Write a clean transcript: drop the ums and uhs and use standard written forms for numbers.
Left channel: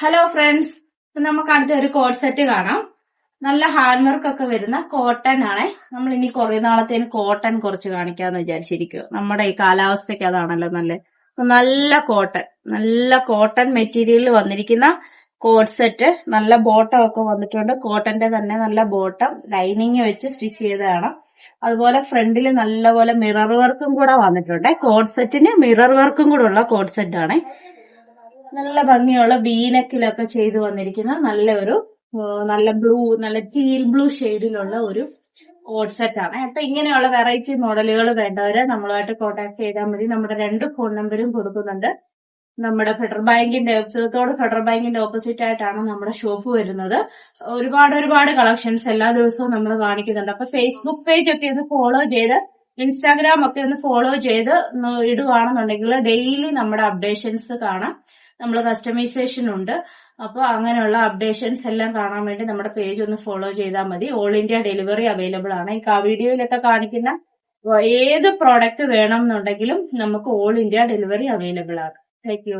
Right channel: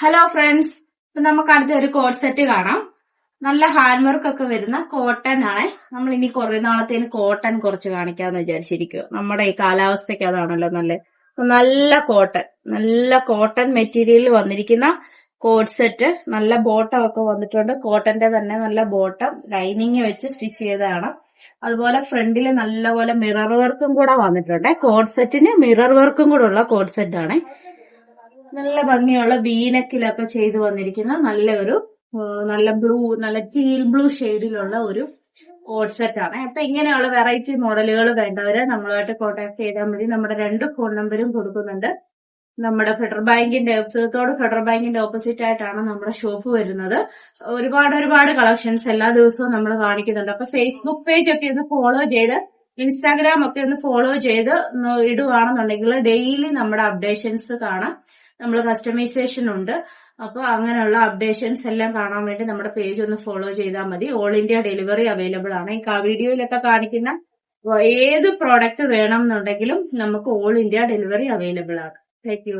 Hello friends, നമുക്ക് അടുത്ത ഒരു കോഡ് സെറ്റ് കാണാം. നല്ല ഹാൻഡ് വർക്ക് ഒക്കെ വരുന്ന കോട്ടൺ ആണ്. നമ്മൾ ഇനി കുറെ നാളത്തേന് കോട്ടൺ കുറച്ച് കാണിക്കാന്ന് വിചാരിച്ചിരിക്കും. നമ്മുടെ ഈ കാലാവസ്ഥയ്ക്ക് അതാണല്ലോ നല്ല കോട്ടൺ മെറ്റീരിയലിൽ വന്നിരിക്കുന്ന കോഡ് സെറ്റ്. നല്ല ബോട്ടം ഒക്കെ വന്നിട്ടുണ്ട്. കോട്ടന്റെ തന്നെ നല്ല ബോട്ടം ലൈനിങ് വെച്ച് സ്റ്റിച്ച് ചെയ്തതാണ്. അതുപോലെ ഫ്രണ്ടിൽ നല്ലപോലെ മിറർ വർക്കും കൂടെ വന്നിട്ടുണ്ട്. കോഡ് സെറ്റിന് മിറർ വർക്കും കൂടെ ഉള്ള കോഡ് സെറ്റ് ആണ്. നല്ല ഭംഗിയുള്ള ബീനക്കിലൊക്കെ ചെയ്തു വന്നിരിക്കുന്ന നല്ല ടീൽ ബ്ലൂ ഷെയ്ഡിലുള്ള ഒരു കോഡ് സെറ്റ് ആണ്. അപ്പൊ ഇങ്ങനെയുള്ള വെറൈറ്റി മോഡലുകൾ വേണ്ടവരെ നമ്മളുമായിട്ട് കോൺടാക്ട് ചെയ്താൽ മതി. നമ്മുടെ 2 ഫോൺ നമ്പരും കൊടുക്കുന്നുണ്ട്. നമ്മുടെ ഫെഡറൽ ബാങ്കിന്റെ ഓപ്പോസിറ്റ് ആയിട്ടാണ് നമ്മുടെ ഷോപ്പ് വരുന്നത്. ഒരുപാട് കളക്ഷൻസ് എല്ലാ ദിവസവും നമ്മൾ കാണിക്കുന്നുണ്ട്. അപ്പൊ ഫേസ്ബുക്ക് പേജ് ഒക്കെ ഒന്ന് ഫോളോ ചെയ്ത്, ഇൻസ്റ്റാഗ്രാം ഒക്കെ ഒന്ന് ഫോളോ ചെയ്ത് ഇടുവാണെന്നുണ്ടെങ്കിൽ ഡെയിലി നമ്മുടെ അപ്ഡേഷൻസ് കാണാം. നമ്മൾ കസ്റ്റമൈസേഷൻ ഉണ്ട്. അപ്പോൾ അങ്ങനെയുള്ള അപ്ഡേഷൻസ് എല്ലാം കാണാൻ വേണ്ടി നമ്മുടെ പേജ് ഒന്ന് ഫോളോ ചെയ്താൽ മതി. ഓൾ ഇന്ത്യ ഡെലിവറി അവൈലബിൾ ആണ്. ഈ വീഡിയോയിലൊക്കെ കാണിക്കുന്ന ഏത് പ്രോഡക്റ്റ് വേണം എന്നുണ്ടെങ്കിലും നമുക്ക് ഓൾ ഇന്ത്യ ഡെലിവറി അവൈലബിൾ ആണ്. Thank you.